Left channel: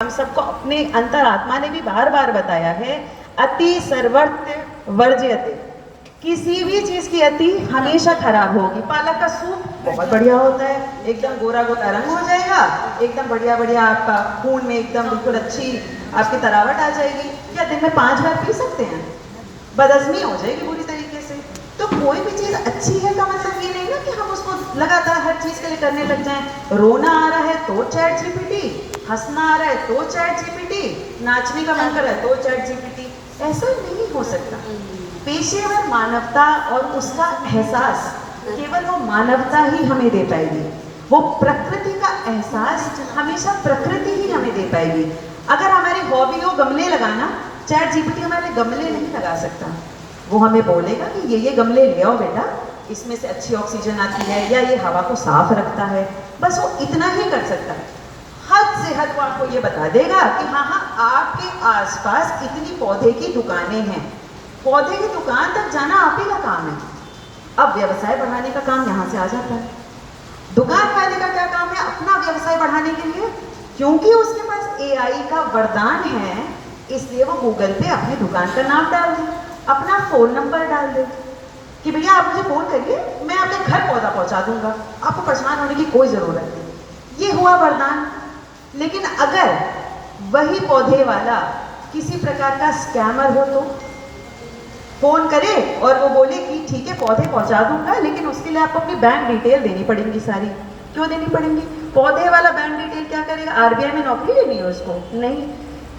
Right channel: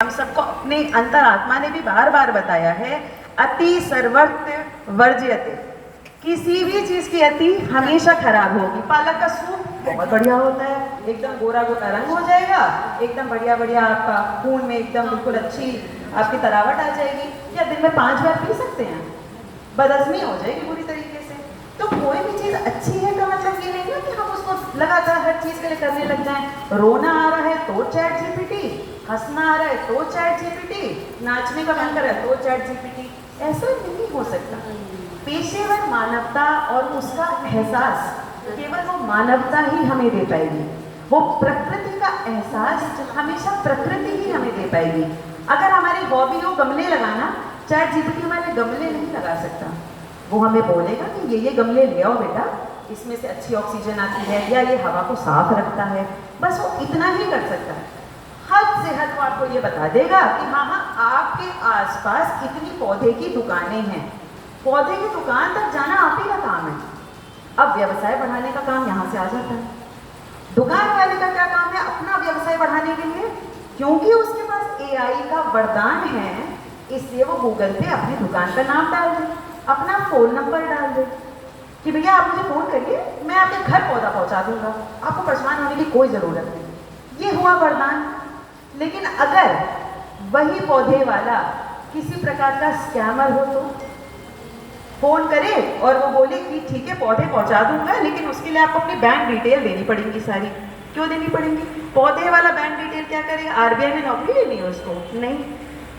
हम सबको अपने अंतरात्मा ने भी बार बार बताया है, अति सर्वत्र वर्ज्यते। किसी भी चीज की अति हमेशा खराब होगी। पालक का सूप बहुत बढ़िया होता है, एकदम गोरा गोरा रंग हो जाएगा, एकदम बढ़िया बढ़िया आपका खून में एकदम बिल्कुल अच्छी आपकी तरावट आ जाएगी। क्या दिन में 5 बार पी सकते हैं? बदहजमी हो जाएगी पूरी तरीके से। तो कोई भी चीज अच्छी है का मतलब ये नहीं ना कि हम उसको लगातार हर चीज के लिए करने लग जाएं। रोना आ रहा है तो चैट जीपीटी, हंसना आ रहा है तो चैट जीपीटी, नाचने का मन कर रहा है तो चैट जीपीटी। ऐसा नहीं हो सकता। पेशेवर मानवता और उसका एहसास केवल वो मानवता ही हमें दे पाएगी। वो प्रकृति का एहसास हमेशा प्रकृति ही हमें दे पाएगी। अगर हमारी हॉबी हो गमले लगाना, चैट जीपीटी हमारे गमले नहीं लगा सकता। वो हमें बोलेगा कि ये गमले ले आओ बेटा, इसमें से अच्छी ऑक्सीजन आती है या ये हवा को साफ रखता है। बस वो इतना ही कर सकता है। हद से हद वो आपको ये बता देगा कि हाँ आपके आसपास इतनी पौधे की दुकानें हैं। पौधे की दुकान तक जाना आप ही का काम है। अब व्यवसाय बढ़ाने का काम यहाँ से आ जाता है। दुकान वाले का क्या काम है? अपना व्यवसाय बढ़ाने के लिए, क्योंकि उसके पास एआई का वरदान है, इसलिए वो गूगल पे अपनी दुकान का नाम डाल दे, अपना फोन नंबर डाल दे कि भैया आप मुझे फोन करिए, मैं आपके घर पौधा पहुंचा दूंगा, आपको परेशान होने की कोई जरूरत नहीं। ये हुआ वरदान। लेकिन अगर वही पौधे वाला किसी प्रकार का स्कैमर हो तो फोन करे और वो बोले कि ठीक है पौधे पहुंचा दूंगा, लेकिन उसके लिए आपको अपनी बैंक डिटेल देनी पड़ेगी सारी। क्यों देनी पड़ेंगी? पौधे वाला बैंक डिटेल क्या करेगा? आरबीआई में नौकरी लेनी है उसको? नहीं।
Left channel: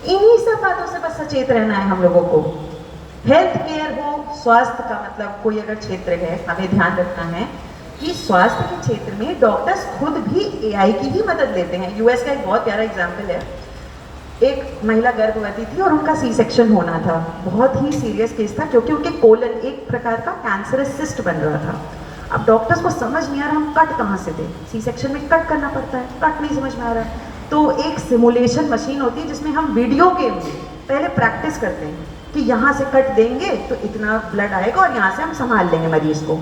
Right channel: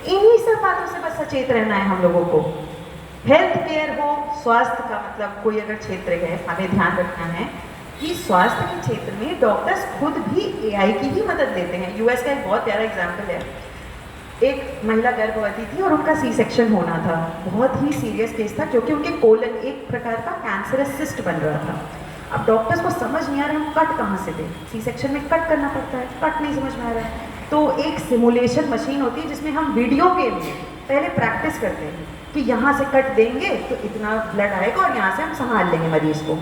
इन्हीं सब बातों से बस सचेत रहना है हम लोगों को। हेल्थ केयर हो, स्वास्थ्य का मतलब कोई अगर क्षेत्र है, हमें ध्यान रखना है कि स्वास्थ्य के क्षेत्र में डॉक्टर्स खुद भी एआई की ही मदद लेते हैं। यूएस का एक बहुत प्यारा एग्जाम्पल है। एक महिला गर्भवती थी और उनका सी सेक्शन होना था। बहुत ही सीरियस केस था क्योंकि उनके कोलन एक प्रकार का कैंसरस सिस्ट बन रहा था। अब डॉक्टर्स को समझ नहीं आ रहा हम कट कहाँ से दें। सी सेक्शन में कट करना पड़ता है, कट नहीं समझ में आ रहा। तो एक सिमुलेशन मशीन होती है जिसमें हम वीडियो गेम में पहले प्रैक्टिस करते हैं कि यहाँ से कट देंगे तो इतना ब्लड आएगा और यहाँ से हम संभाल लेंगे मरीज को।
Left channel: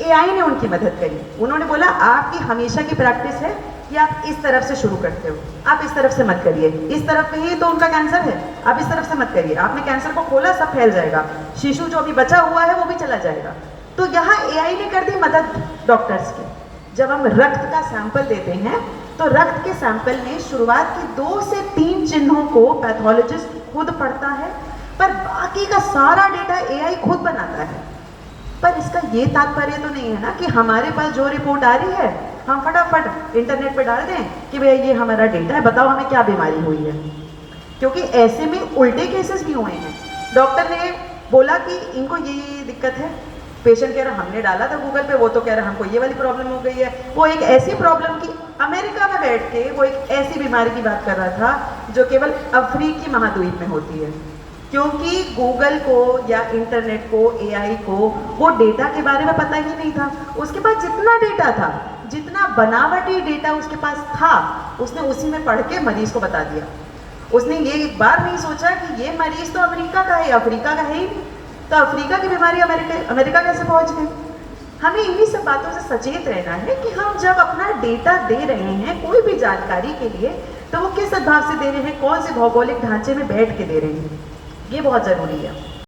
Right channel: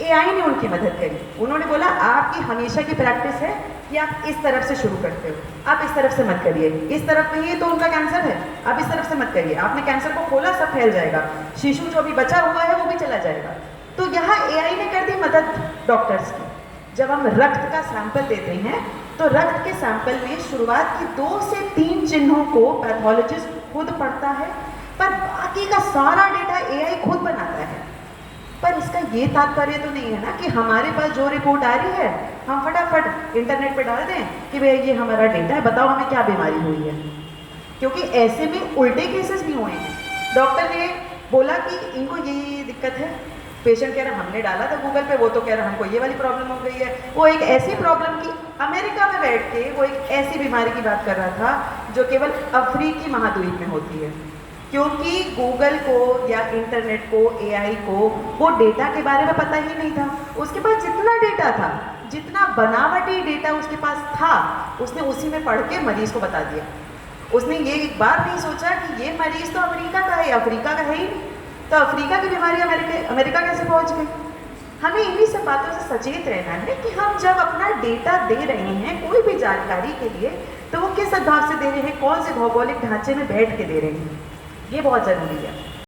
एआई ने उनकी मदद करी। उन्होंने बोला आपकी हमेशा की प्रैक्टिस है कि आप इस तरफ से शुरू करते हो, आप इस तरफ से मत करिए, इस तरफ में ही तो उनका कैंसर है, आप इस तरफ से मत करिए। आपने कैंसर को खोला, सब फैल जाएगा, शिशु जो अभी बचा हुआ है वो भी चला जाएगा। तो यहाँ एआई ने कर दी मदद डॉक्टर्स की। जब हम रक्त का सैंपल देते हैं तो रक्त के सैंपल में शुरुआत के 2 से 3 चिन्हों को पैथोलॉजिस्ट खुद पढ़ता है, पर बाकी का सारा डेटा एआई खुद बनाता है। पर इसका ये तात्पर्य तो नहीं है ना कि हमारे पास जो रिपोर्ट आ रही है हम फटाफट इंटरनेट पे डाल दें कि भैया ये हमारा डेटा है, बताओ हमें क्या बीमारी हुई है। क्योंकि ऐसे में उल्टे केसेस भी हुए हैं। डॉक्टर ने बोला कि इनको ये दिक्कत है, पेशेंट कह रहा हमने डाला था गूगल पे, वो तो कह रहा हमको ये वाली प्रॉब्लम हो गई है। वो एक ऐसी प्रॉब्लम की अमेरिका में बैठ के वो एक ऐसी बीमारी की बात कर रहा था जो केवल अफ्रीकी महाद्वीप में होती है। क्योंकि गूगल को या इंटरनेट को, एआई को वो डेटा के बारे में पता ही नहीं था। उसके पास जितना डेटा था, जितना बनावटी डेटा उसके पास था, उसने उसी में पढ़ के मरीज को बता दिया। उसने ये एक बार नहीं सोचा कि ये मरीज तो अमेरिका का है, अफ्रीका का है ही नहीं, तो अफ्रीका की बीमारी अमेरिका कैसे पहुंच गई। हमें इन्हीं सब बातों से सचेत रहना है कि हम जब अपना डेटा दे रहे हैं कोई भी जानकारी के लिए, तो वो किस हिसाब से दे रहे हैं, कौन से भौगोलिक ढांचे में बैठ के दे रहे हैं, ये बहुत ज़रूरी है।